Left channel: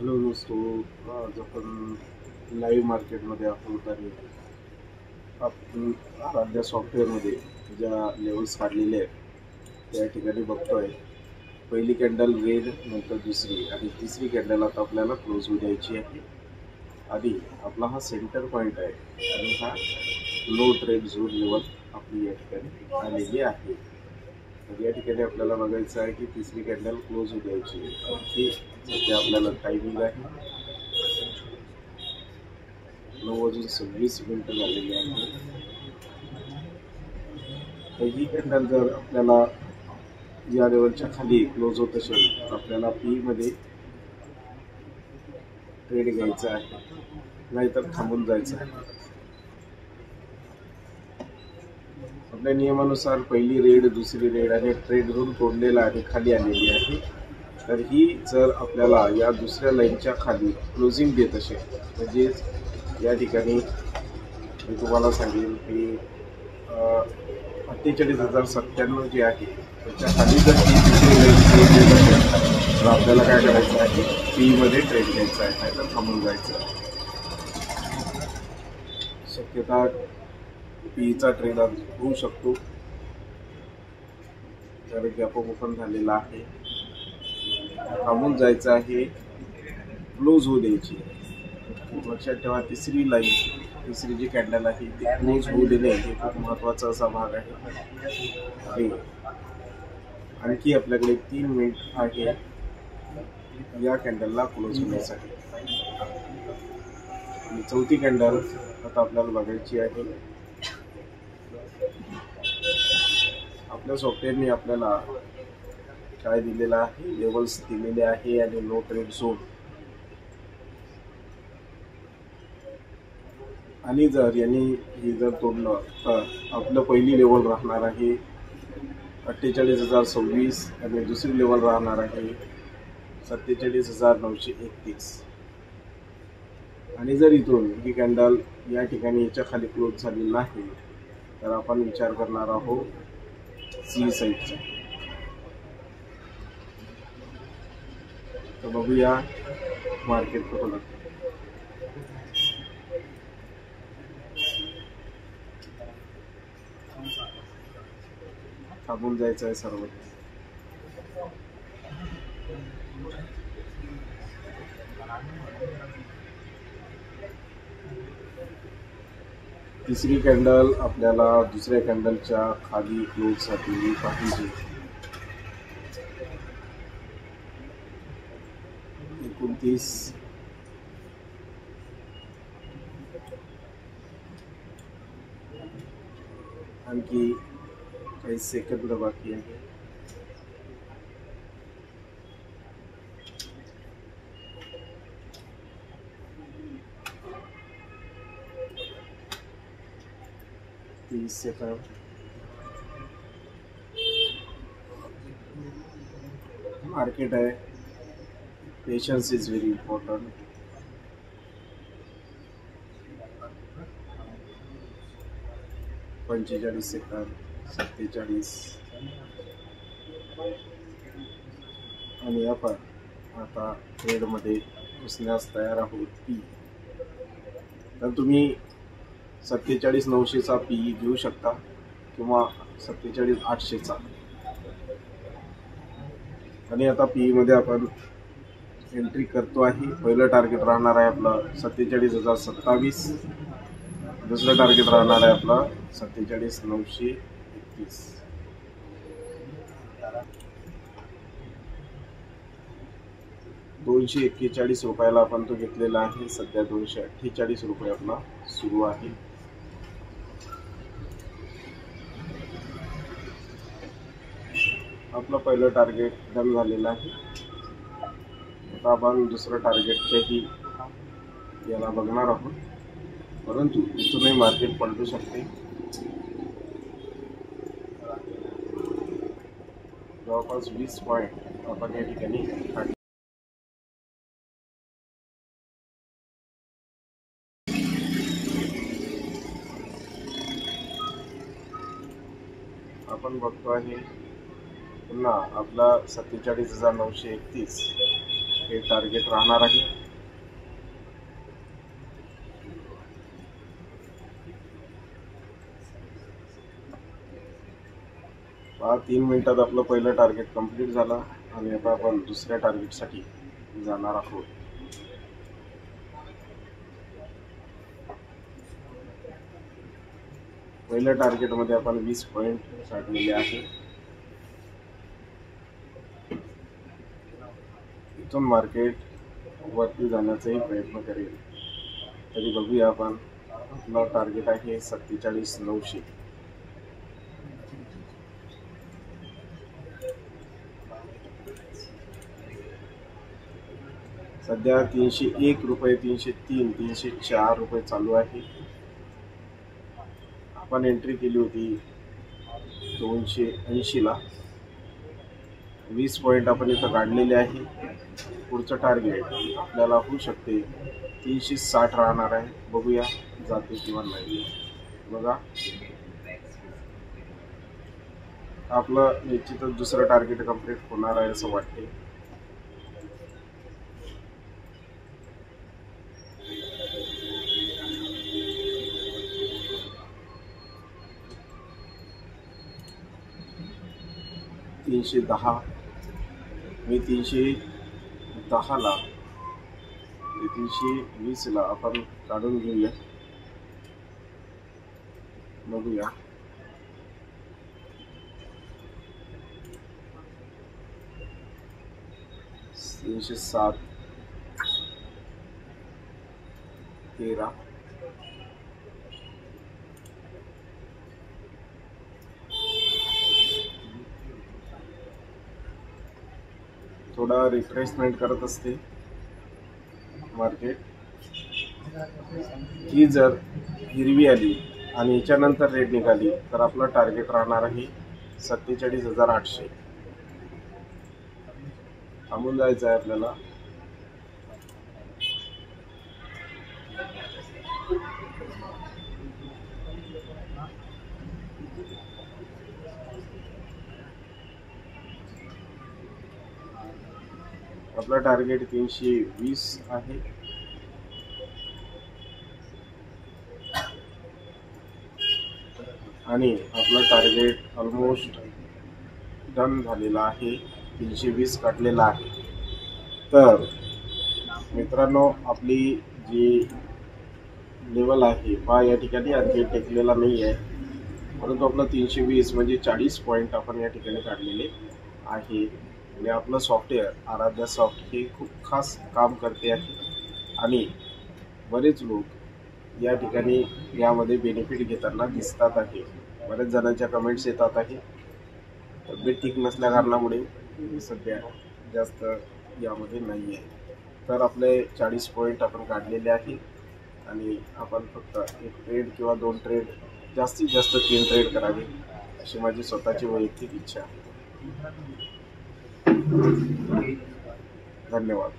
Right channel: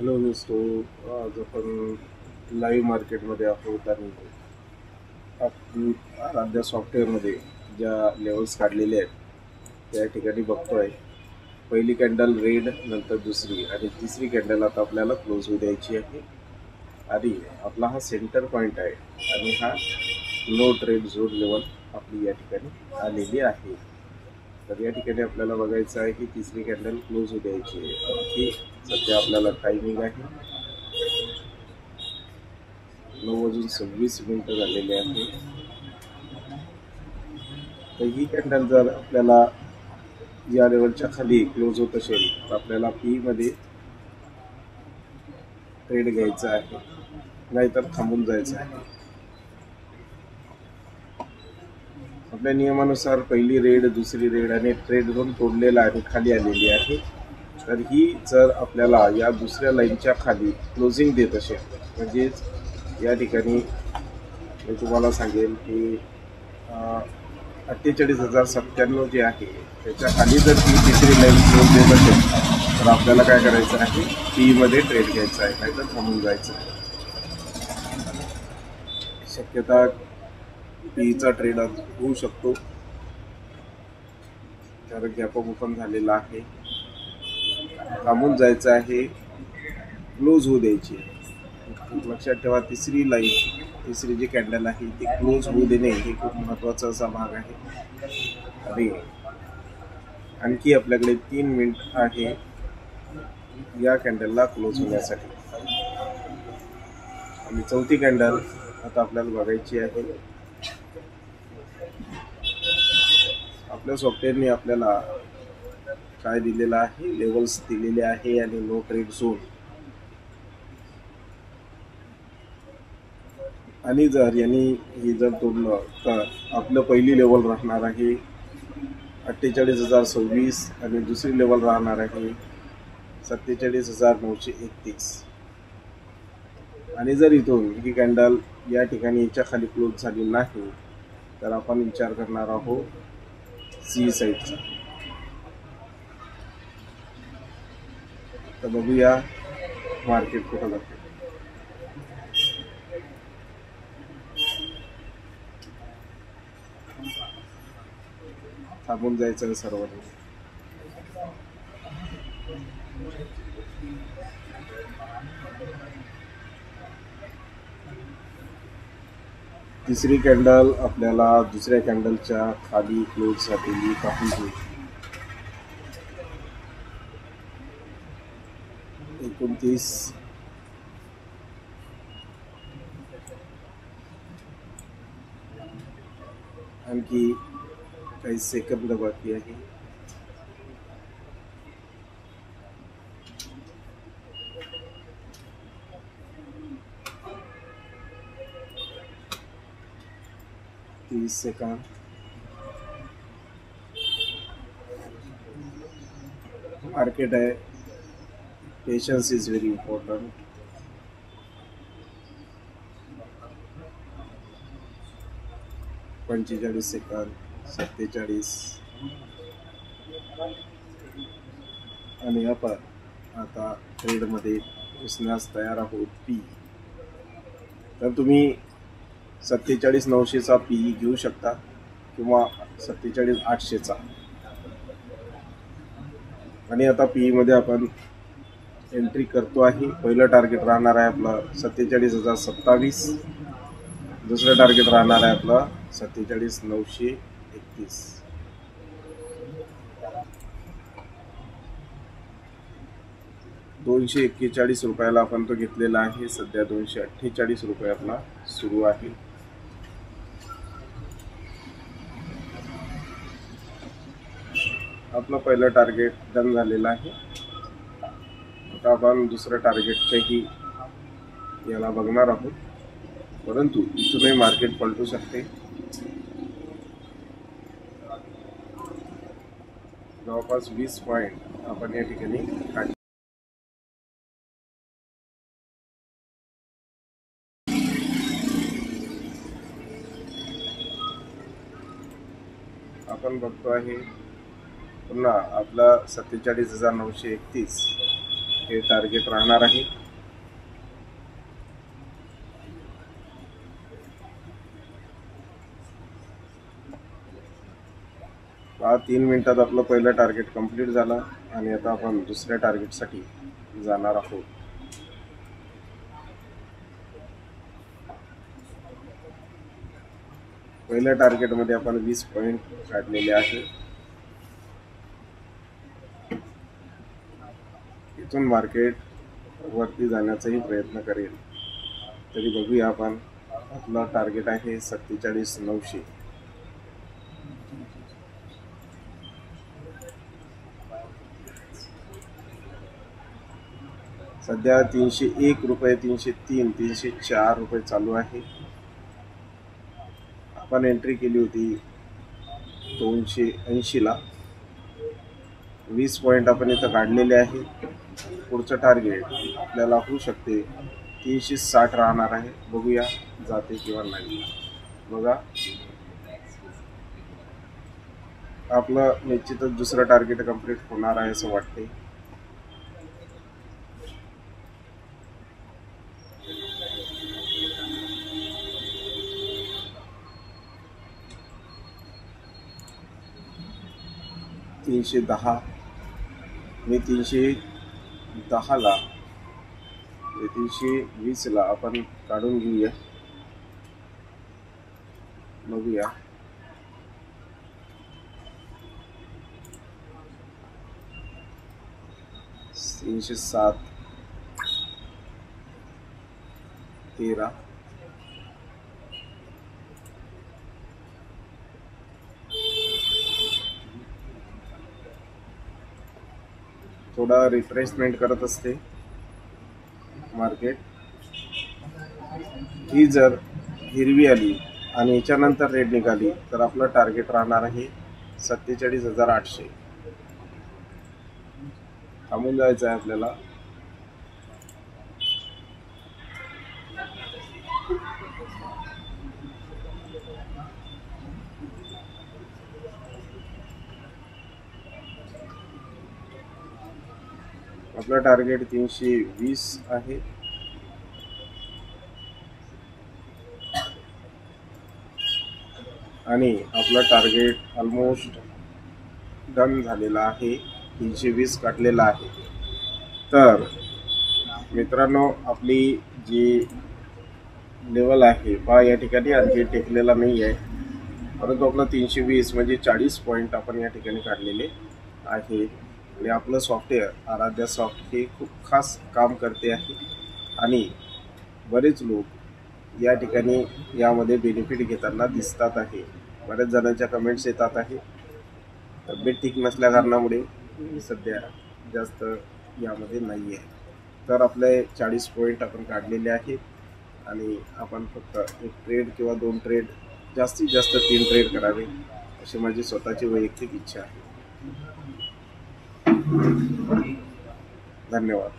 Hello दोस्तों, आज आपण लाईव्ह मार्केटमध्ये आहोत आणि आपण आराध्या सॉफ्टवेअरमध्ये ज्या लेवल्स काढलेले आहेत त्या ठिकाणी बघतोय. पहिली कॅन्डल रेड, नंतर दुसरी आणि तिसरी कॅन्डल आता आपल्याला क्लोज होऊ द्यायची आहे. आणि आपला हा सेंटर पॉईंट आहे आणि हा लो ट्रेड झोन लेवल आपली या ठिकाणी आलेली आहे. तर या ठिकाणी आपल्याला बघायचं आहे की तिसरी कॅन्डल क्लोज होऊ द्यायची आहे. आणखी सध्या आपल्याला टायमिंग आहे 9:26 झालेले आहे. तर ही कॅन्डल जर आपल्याला या लेवलच्या खाली क्लोज होत असेल तर आपल्याला पी मध्ये ट्रेड घ्यायचा आहे, नाहीतर थांबून जायचं आहे. आपल्या नियमानुसार पहिली रेड, दुसरी रेड आणि ट्रेड झोन तोडलेला आणि खाली आलेली आहे. तर ही जर आपल्याला या दुसऱ्या लाईनच्या खाली क्लोजिंग देत असेल, म्हणजेच या ठिकाणी मी तुम्हाला सांगेल की 48,097 जे आहे त्याच्या खाली जर ती तिसरी लाईन क्लोज होत असेल तर आपल्याला काय करायचं आहे, पी मध्ये ट्रेड घ्यायचं आहे, नाहीतर थांबून जायचं आहे. शक्यता पीचा ट्रेड होऊ शकतो कारण गॅप ओपन झालेला आहे. थांबून जायचं आहे, क्लोज होऊ द्यायची. लक्षात ठेवा, तिसरी जी कॅन्डल आहे ती क्लोज होऊ देणे हे खूप महत्त्वाचा असा भाग आहे. आणि आणखी आपल्याकडे 3 मिनिट आहे या कॅन्डलला क्लोज होण्यासाठी. आणि चौथी कॅन्डल आता आपल्याला बघायची आहे. आपल्या सॉफ्टवेअरने आपल्याला काय दिलेलं आहे, लेवल्स दिलेले आहे आणि नो ट्रेड झोन. आणि जर यांनी हे जर तोडलं तर आपलं पहिली लेवल राहणार आहे 48,026 आणि दुसरी लेवल राहणार आहे 47,931. आणि जर इथून ही कॅन्डल या ठिकाणी याच्या खाली क्लोज झाली नाही तर आपण विचार करणार आहोत सी साईडचा. तर बघूया मार्केट कुठं जातं. थांबून जायचं आहे सर्वांनी. तिसरी कॅन्डल आपल्याला दुसऱ्या कॅन्डलच्या खाली क्लोज झालेली पाहिजे. 29 आणखी काही सेकंद बाकी आहे. सेकंड. मार्केट आहे, पेशन्स इज व्हेरी इम्पॉर्टंट. पंचेचाळीस सेकंद, 47 आणि आपण आता ट्रेडमध्ये घुसण्यास तयार आहोत. पी तर तुम्ही 47,900चा पी घेऊ शकता किंवा 47,800चा. आणि आता पी मध्ये आपण एंट्री करतो आहे. पहिलं टार्गेट राहणार आहे आपलं 47,027. दुसरं टार्गेट राहणार आहे आपलं 47,931. ₹241 आपण तो घेतलेला आहे. सध्या 248 रुपये आपला सुरू आहे. आपलं पहिलं टार्गेट डन झालेलं आहे. आता आपण दुसरं टार्गेटच्याही याला बघणार आहोत, परंतु इथूनही मार्केट पलटू शकते. जवळपास 20 पॉईंट आपण या ठिकाणी काढले. आपण बघतो आहे पुन्हा आपला 47,931 हे टार्गेट राहणार आहे. पहा 3 मिनिटात आपलं पहिलं टार्गेट कंप्लीट झालं आणि आता आपण दुसऱ्या टार्गेटसाठी जाणार आहोत. पहिल्या टार्गेटमध्ये आपण 20 पॉईंट काढलेले आहे. इथून मार्केट वरती जाण्याचाही प्रयत्न करेल. तरी बघूया आपण. आपला टार्गेट आहे 47,900. सध्या 301 रुपये, 303, 304 रुपये चालू आहे. आपण एंट्री केली होती 280 ला. 20 पॉईंट आपण इथं काढलेले आहे. पुढचं टार्गेट आपल्याला होऊ शकते 360 राहणार आहे. बघूया जाते किंवा नाही. बघा, आपलं निश्चितच दुसरं टार्गेट कंप्लीट होणार आहे असं वाटते. $310 मी 310 ला 320 ला आपण काढून घेऊया. बघूया. $307, 13, थोडा रिफ्रेशमेंट करत असते मार्केट. ही जर हिरवी आली आणि याच्यानंतर रेड निघाली तर आपलं टार्गेट राहणार आहे 47,800. थांबून जायचं आहे आपल्याला. आपलं टार्गेट 320 आहे. आणि आपलं टार्गेट ऑलमोस्ट डन झालेला आहे. 320 काढलेला आहे. तर मित्रांनो, आपली जी लेवल आहे पहा या ठिकाणी आणखी टेकलेला नाही आहे. परंतु आपलं 320 म्हणजे 40 पॉईंट आपण या ठिकाणी काढलेले आहे. आणि आपलं सॉफ्टवेअर आराध्या सॉफ्ट हे खूप खास काम करते आहे. आणि बरेच लोक या ठिकाणी यामध्ये बेनिफिट घेताना दिसतात आहे. बऱ्याच जणांच्या कमेंट्स येतात आहे. तब्येत ठीक नसल्या कारणामुळे मी सध्या जास्त यामध्ये नाही आहे. तर आपले 40 पॉईंट आपण काढलेले आहेत. आणि आपण फक्त एक ट्रेड किंवा 2 ट्रेड, जास्तीत जास्त 3 ट्रेड करावे अशी माझी स्वतःची वैयक्तिक इच्छा आहे. धन्यवाद.